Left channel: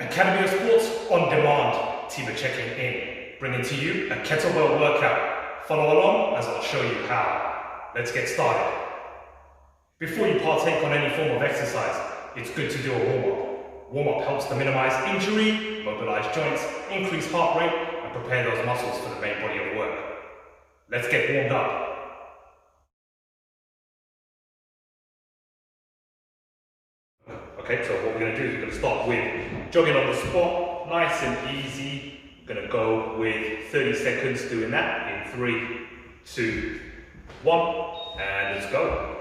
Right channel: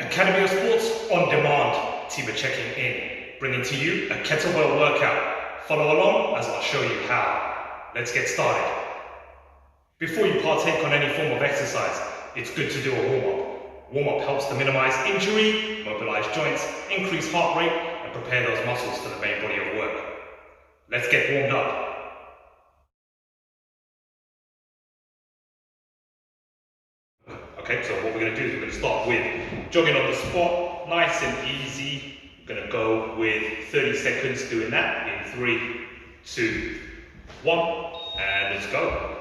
Academy of Sports on demand team are checking in, bringing to you a kettlebell workout. Follow along as I'll show you how. Let's get started. Before you partake on any form of exercise, it's good to do a warm-up. Warm-up helps to minimize injury, mobilize joints, increase heart rate, and prepare those muscles for the main body of work. Let's get warmed up. Okay, so what we're going to do is we're going to start with jogging on the spot, nice and easy. We're going to go with 30 seconds doing that in 3, 2, 1, and let's go.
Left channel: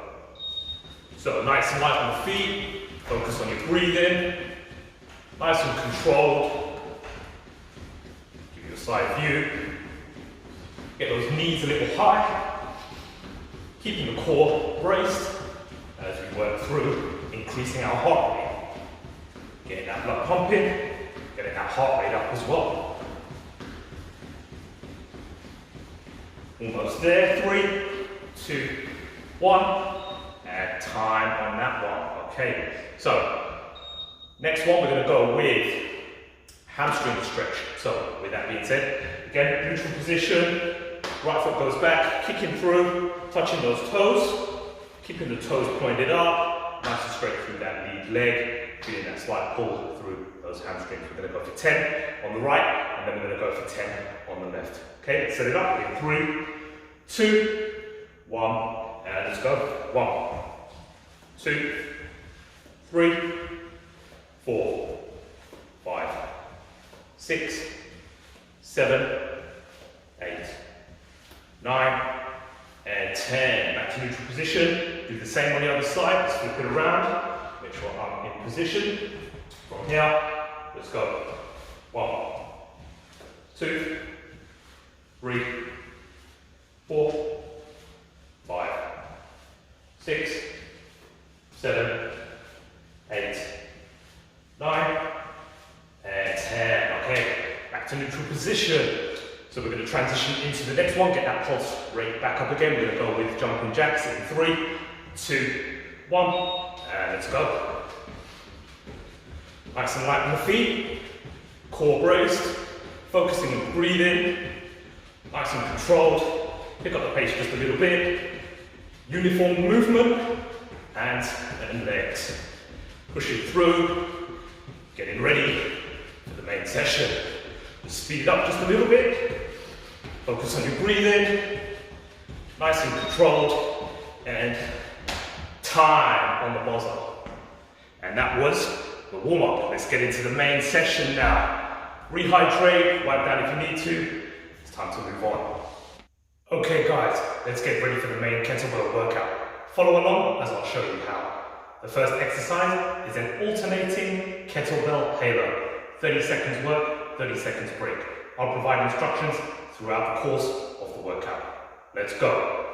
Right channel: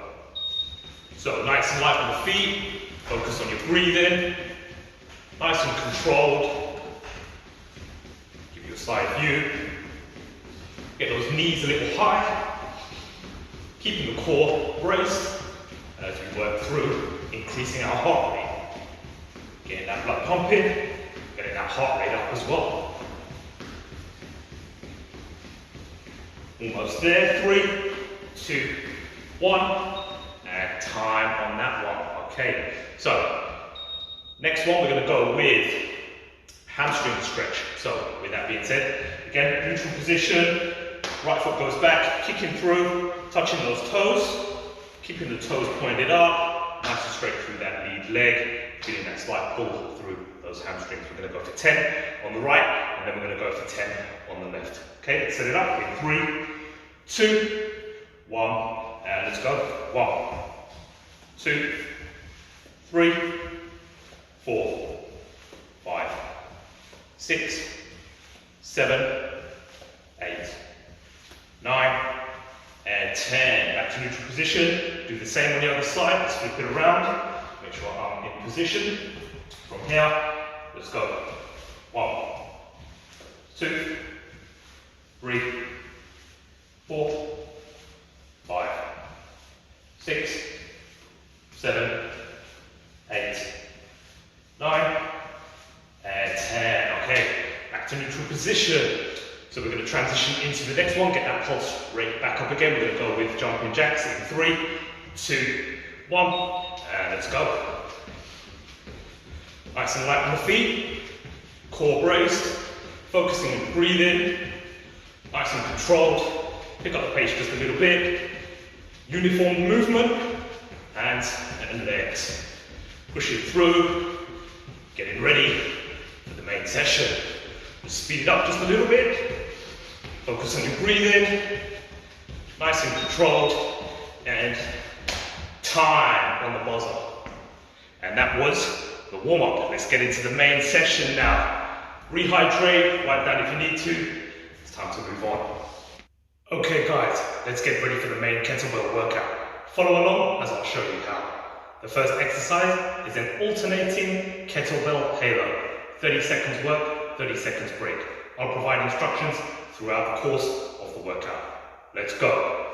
So nice and light on the feet, focus on your breathing, nice and controlled. Give you a side view. Get those knees a little high, keeping the core braced as we work through increasing our heart rate, getting that blood pumping, getting that heart rate up as well. Almost there, 3, 2, 1, and time on that one. Okay, so next one we're going to go with hamstring stretch. So with that being said, again, neutral position, right foot goes back, kicking through, touching those toes, keeping the toes pointed up, nice and straight through that lead leg, feeling that slight pull through those hamstrings. We're going to go for 10 on the right, and then we're going to go for 10 on the left. Okay, let's set it up in 3, 2, 1, and let's go. 1, 2, 3, 4, 5, 6, 7, 8, 9, and 10. Back to neutral position. Do the same on the other side. Let's flip it around. Make sure I'm in position. From here, let's go. 1, 2, 3, 4, 5, 6, 7, 8, 9, and 10. Okay, back to neutral position. So we're going to transition into the next one, get that pulse rate back up again. We're going to go with jumping jacks in 3, 2, 1, and let's go. Nice and light on the feet, core braced, focusing on breathing, nice and controlled. Pick up the pace just a little bit. Uniform movement, hands and legs. Pushing through, getting ready for the main session. Just speed it up just a little bit. Focus on your breathing, nice and controlled, and time on the buzzer. And that was the warm-up. Let's get into the main session now. Rehydrate, wipe down if you need to. It's time to move on. Okay guys, let's get ready for the main kettlebell workout. Follow along as I'll show you how. The first exercise is an alternating kettlebell halo. 30 seconds work, 30 seconds break. I'll provide instructions throughout the course of the workout. Let's go.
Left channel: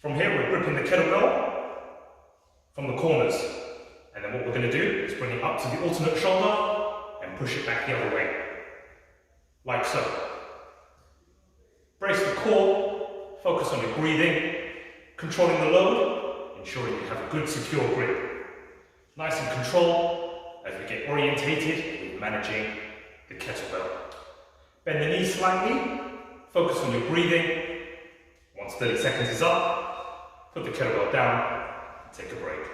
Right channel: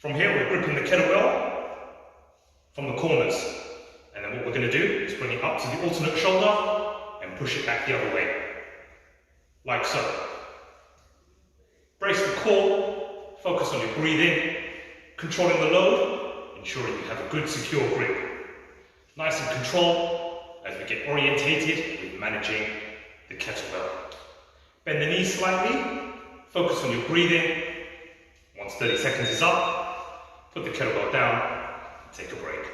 From here, we're gripping the kettlebell from the corners. And then what we're going to do is bring it up to the alternate shoulder and push it back the other way. Like so. Brace the core, focus on your breathing, controlling the load, ensuring you have a good secure grip. Nice and controlled as we get orientated with managing the kettlebell. Bend the knees slightly, focus on your breathing. Once 30 seconds is up, put the kettlebell down and take a break.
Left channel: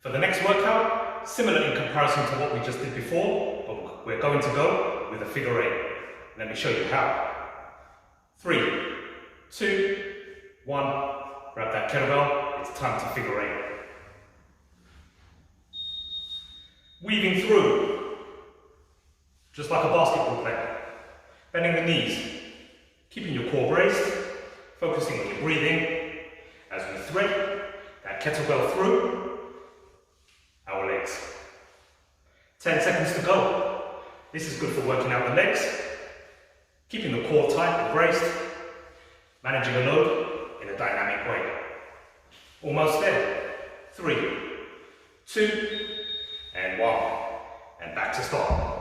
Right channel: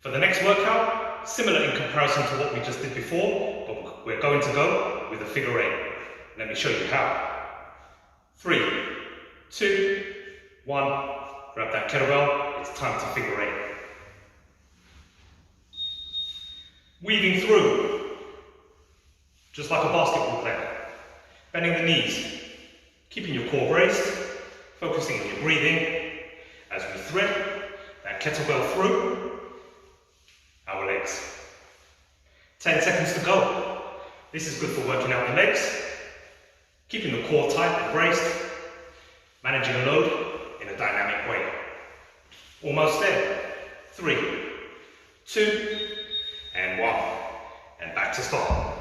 For the next workout, similar in comparison to what we just did before, but we're going to go with a figure 8. Let me show you how. 3, 2, 1, grab that kettlebell, it's time to figure 8. Weaving through, just like a basketball player. Bending the knees, keeping your core braced, focusing on your breathing as we thread that kettlebell through our legs. 10 seconds to go. This is good for working out the legs, keeping the core tight and braced, managing a load in a dynamic way. Almost there. 3, 2, and 1. And back to start.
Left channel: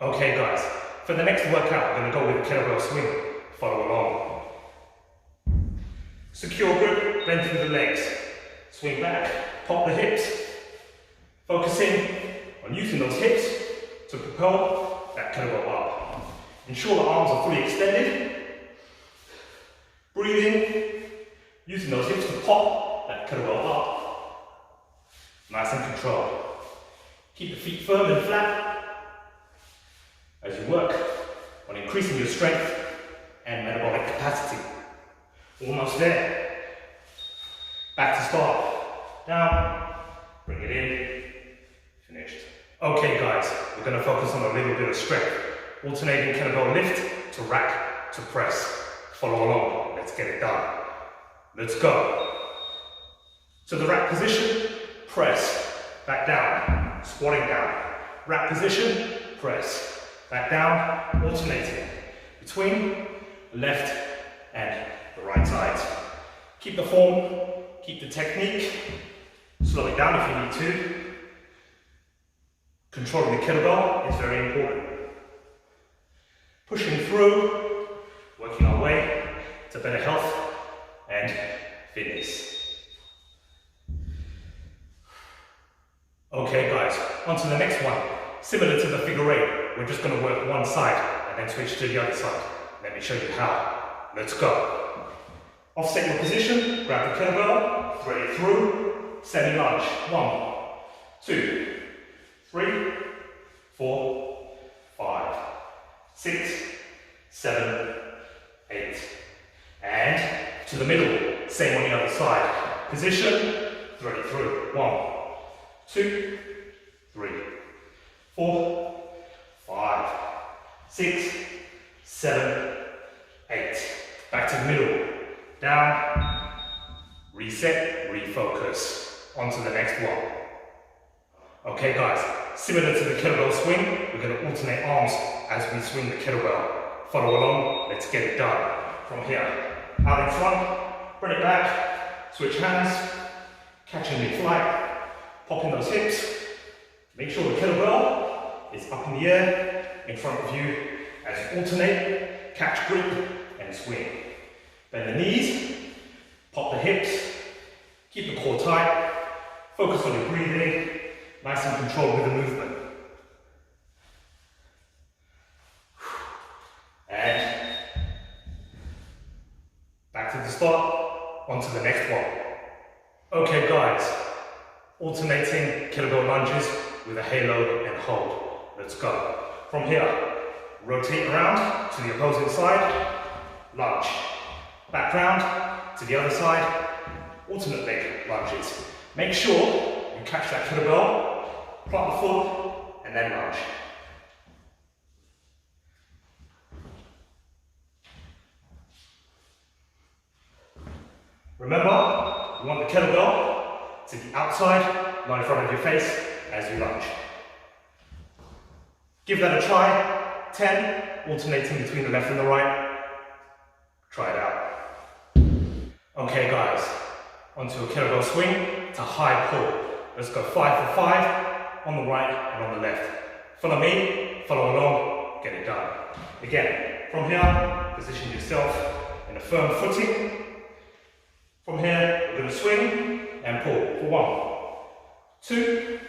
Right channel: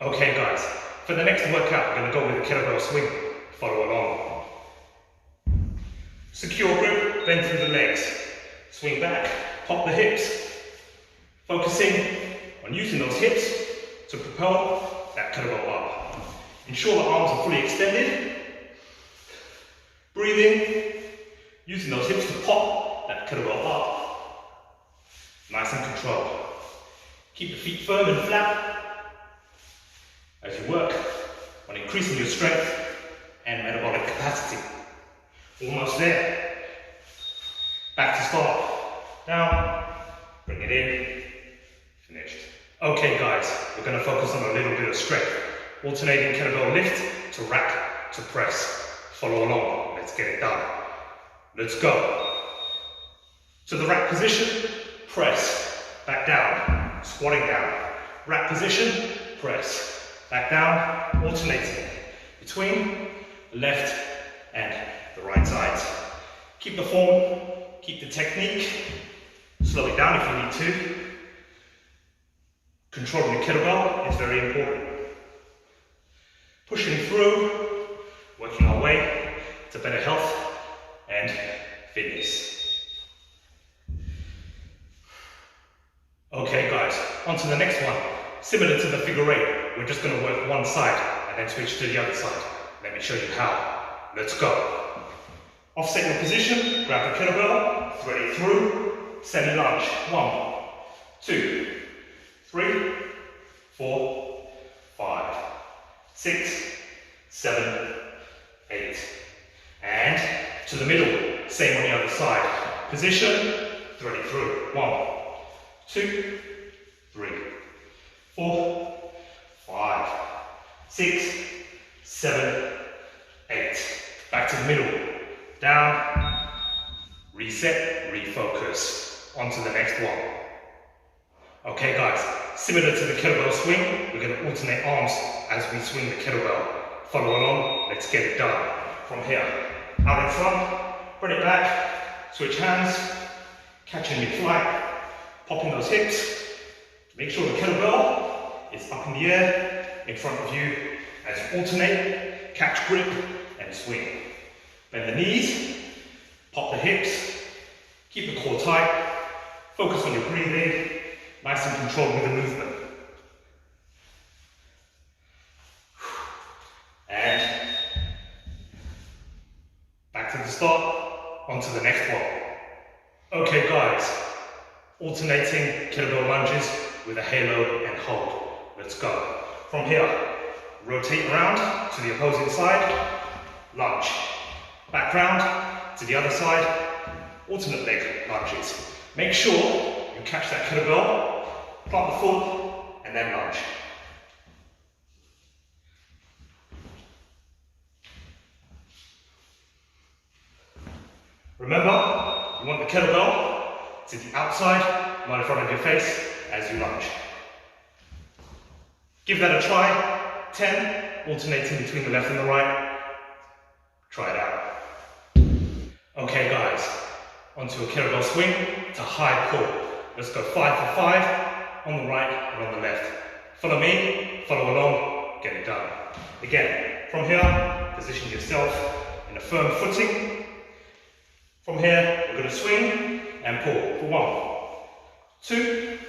Okay guys, for the next workout, we're going to go with a kettlebell swing. Follow along. Secure grip, bend through the legs. Swing back, pop the hips. Focusing on using those hips to propel that kettlebell up. Ensure the arms are fully extended. Breathing, using those hips to pop that kettlebell up. Nice and controlled. Keep the feet firm and flat as you work on increasing your strength and metabolic capacity. Almost there. Back to start. Down, bring it in, finished. Okay guys, we're going to focus on a little bit of strength. Alternating kettlebell lift to rack to press. Follow along, let's get it done. Let's go. To the rack position, press, back down, squatting down. Rack position, press, back down, alternating between the left and the right sides. Keep the form, keep the technique, slow it down if you need to. Controlling the kettlebell is very important. Pushing through, working our way to better health and fitness. Okay guys, on to the next one. Similar to the figure eight, we're just going to work one side and then switch to the other side. Let me show you how. Let's go. Offset your position, grab the kettlebell, thread it through, semi-lunge. 1, 2, 3, 4, 5, 6, 7, 8. And to the middle, same on the other side. Position, thread it through. 1, 2, 3, 4, 5, 6, 7, 8. Back to the middle. Down, reset, refocus. On to the next one. Okay guys, similar to the kettlebell swing, we're going to alternate arms as we swing the kettlebell. Follow along, let's get it done. From here, out in front, bring it back, switch hands, catching mid-flight, popping those hips. Make sure the kettlebell is up in the air in front of you as you alternate, catch grip and swing. Bend the knees, pop the hips, keep the core tight, focus on your breathing, nice and controlled with the movement. And back to the start, on to the next one. Okay guys, alternating kettlebell lunges with a halo and hold. Let's go. From here, rotate around to the opposing side, lunge. Back round to the other side, alternate leg lunges. Make sure you catch that kettlebell, plant the foot, and then lunge. Remember, you want the kettlebell to the outside, not in front of your face as you lunge. Give that a try. 10, alternating between the left and the right. Try it out. Okay guys, onto a kettlebell swing to high pull. Let's go 5 for 5 on the right and on the left. Follow me, follow along, get it done. Again, from here, position yourself in a firm footing. From here, we're going to swing and pull for 1, 2,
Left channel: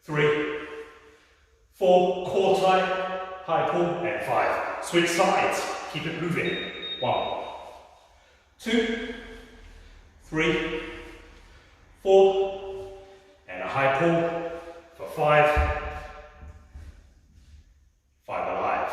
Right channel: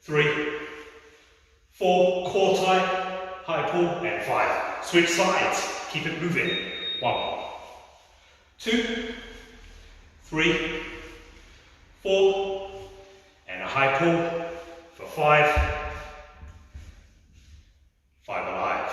3, 4, core tight, high pull, and 5. Switch sides, keep it moving. 1, 2, 3, 4, and a high pull for 5. 5 alive.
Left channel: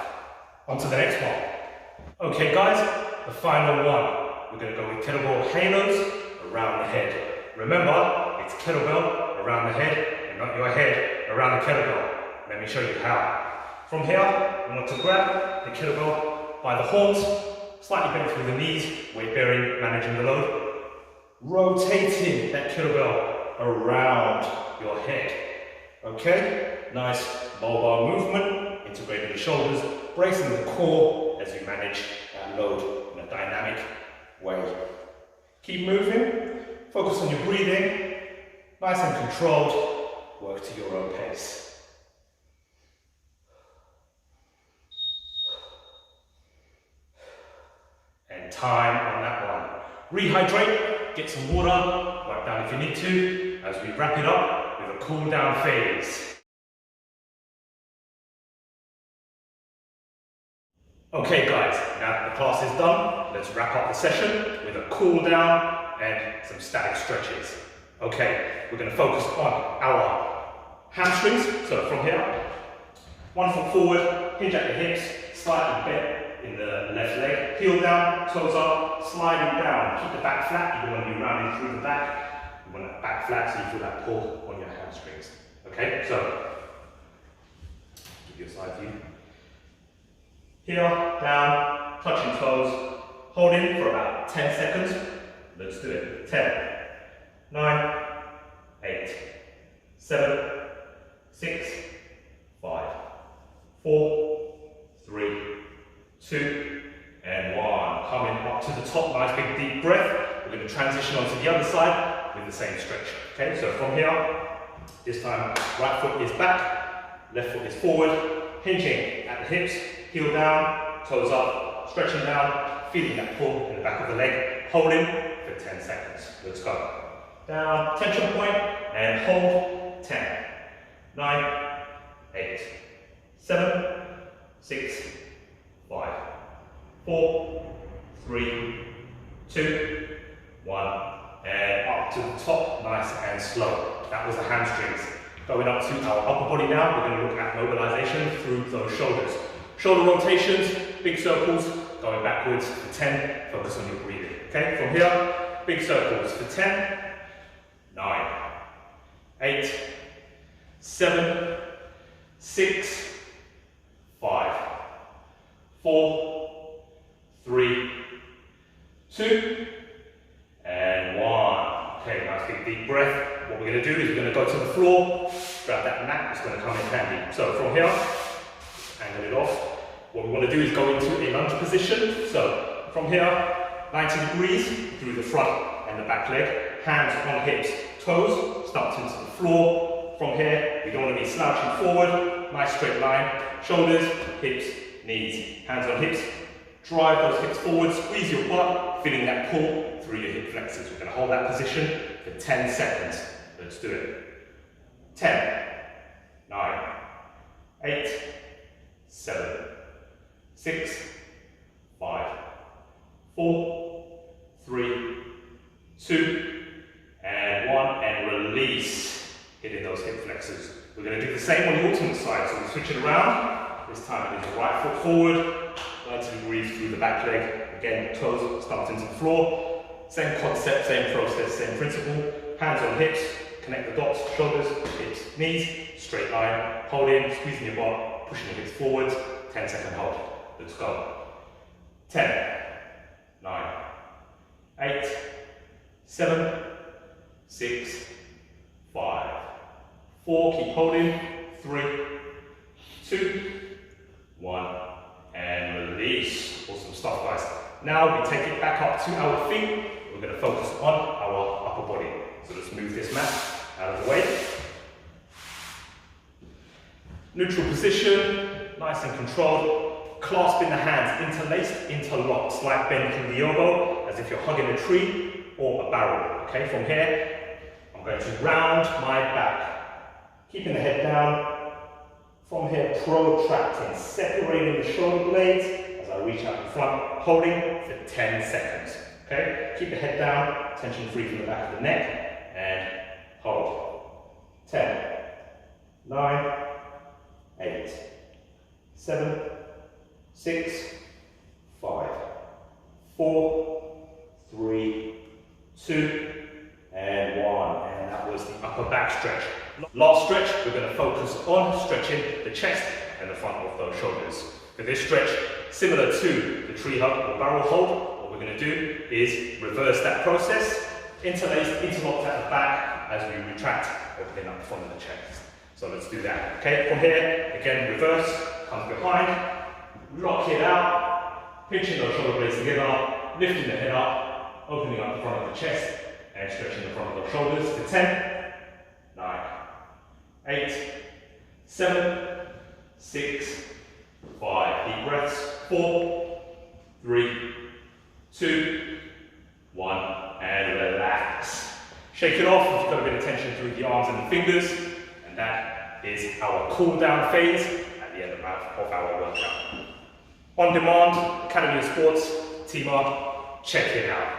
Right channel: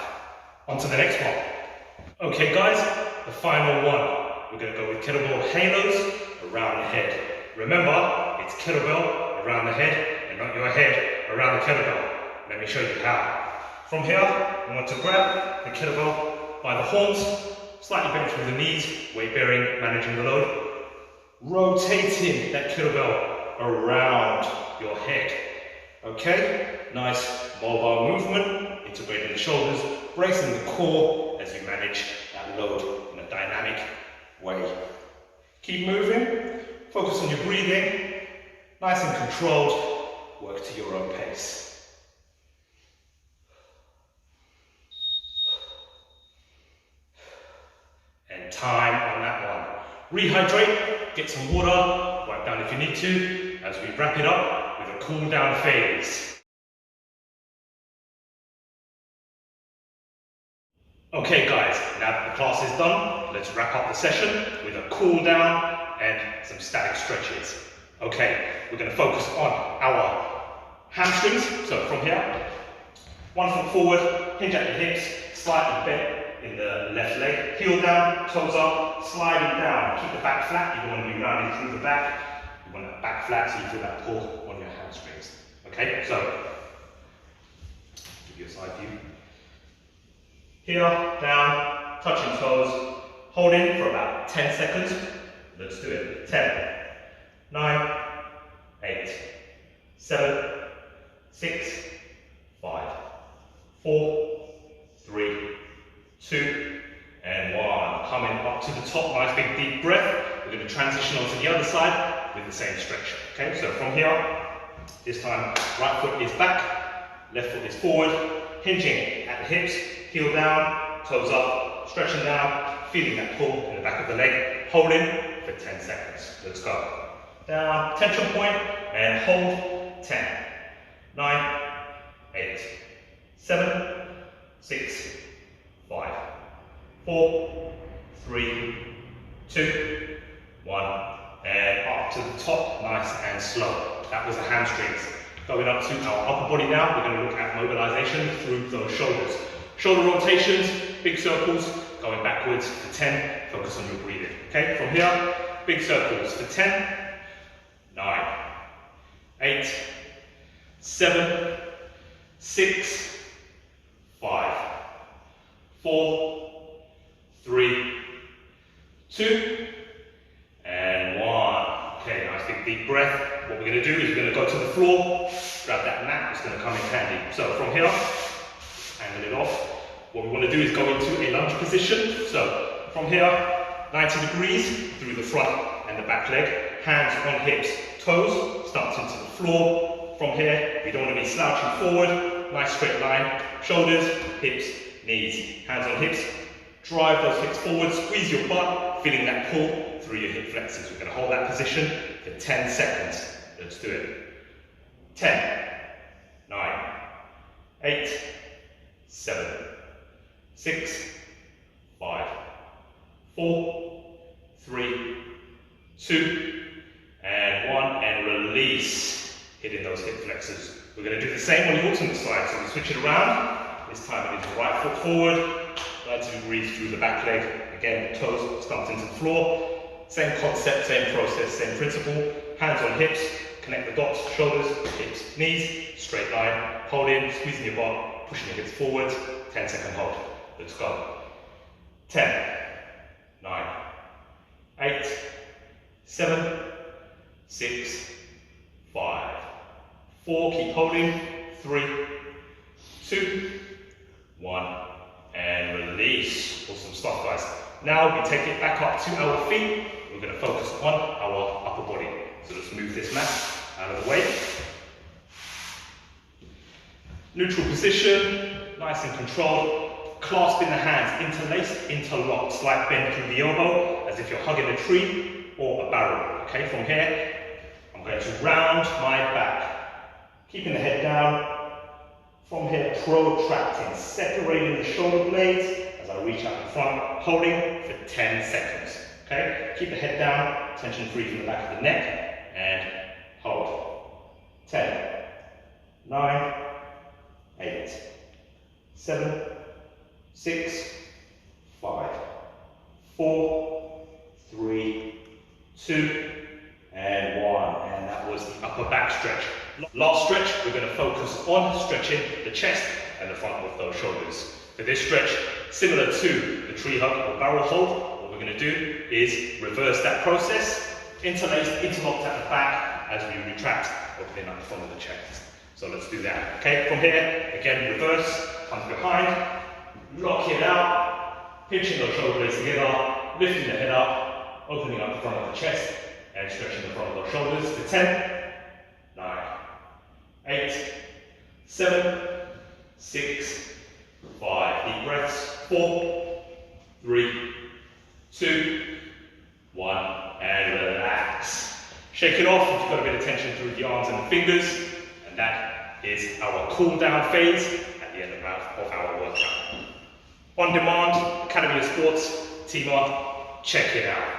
On to the next one. Okay guys, the final one. We're going to go with kettlebell halos around the head. Remember, it's kettlebell around the head and not your head around the kettlebell. Let me show you how. From here, we want to grab the kettlebell by the horns, slightly bend through the knees, weight bearing, managing the load. Rotating that kettlebell around your head. Okay? Nice mobile movement, integrating the shoulders, bracing the core as you manage that load in a dynamic way. Keep moving, focus on your breathing, nice and controlled, work to your own pace. And time on that one. Rehydrate, get some water, wipe down if you need to, as we wrap it up with a cool down phase. Okay guys, now that the class is done, let's wrap up the session with a cool down and some static stretches. Okay, we're going to focus on our hamstrings. So from here, 1 foot forward, hinge at the hips, slightly bent in the left leg, heel down, toes up, sliding down. Keep the back flat. You don't want to be rounding through the back. You want that back flat so you feel that pull on your hamstrings. Okay, so give you a side view. Heel, down, touching toes, holding for about 10 seconds. Let's do it. 10, 9, 8, 7, 6, 5, 4, 3, 2, and 1. Coming up to the top, nice big deep breath. We're going to transition onto the other side with the same stretch. Okay, so from here, this time right foot is back, left foot is forward, hinging at the hips, heel down, toes up, stretching down, feeling that pull in the back of the leg, holding for 10 seconds. Let's go. Down, tension point, and hold. 10, 9, 8, 7, 6, 5, 4, 3, 2, 1, and up to the top, nice and slow. That was the hamstrings. Going up to our upper body now, we're going to look at mobilization through those shoulders. Shoulder rotations, big circles, going backwards for 10, focus on your breathing. Okay, from here, big circles for 10, 9, 8, 7, 6, 5, 4, 3, 2, and 1. Okay, nice big deep breath. What we're going to do is we're going to go to the floor, grab that mat, it's going to come in handy. So from here, angle it off. What we want to do is go into a lunge position. So from here, 90 degrees through the front and the back leg, hands on hips, toes stumped into the floor. From here, we don't want to be slouching forward, nice straight line, shoulders, hips, knees, hands on hips, drive those hips forward, squeeze your butt, feeling that pull through your hip flexors. We're going to hold that position for 10 seconds. Let's do it. 10, 9, 8, 7, 6, 5, 4, 3, 2, and 1, and release. Hitting those hip flexors. We're going to do the same on the alternate side, so we switch it around. This time it is right foot forward, 90 degrees through the back leg. Again, toes stumped into the floor. Same concept, same process, same principle. Hands on hips, connect the dots, shoulders, hips, knees, straight line, hold in, squeezing your butt, pushing your hips forward, 10-second hold. Let's go. 10, 9, 8, 7, 6, 5, 4, keep holding, 3, 2, 1, and release. Awesome stuff, guys. Now we take it back up to our feet. We're going to focus on our upper body. So let's move this mat out of the way. Neutral position, nice and controlled. Clasping the hands, interlaced, interlocked. Slight bend through the elbow, as if you're hugging a tree or a barrel. Okay, from here, I'm going to round my back. Keeping the head down. From here, protracting, separating the shoulder blades as I reach out in front, holding for 10 seconds. Okay, keep the head down, tension free from the back of the neck, and hold. 10, 9, 8, 7, 6, 5, 4, 3, 2, and 1. And that was the upper back stretch. Last stretch, we're going to focus on stretching the chest and the front of those shoulders. For this stretch, similar to the tree hug or barrel hold, what we're going to do is reverse that process, interlaced, interlocked at the back as we retract, opening up the front of the chest. So let's do that. Okay, from here, again, reverse, comes behind, lock it out, pinching those shoulder blades together, lifting the head up, opening up the front of the chest, and stretching the front of those shoulders for 10, 9, 8, 7, 6, 5. Deep breaths. 4, 3, 2, 1, and relax. Shake it off if you've got a bit of tension through the arms and the fingers, and that is our cool down phase at the end of our workout. On Demand, Academy of Sports, team up, check it out.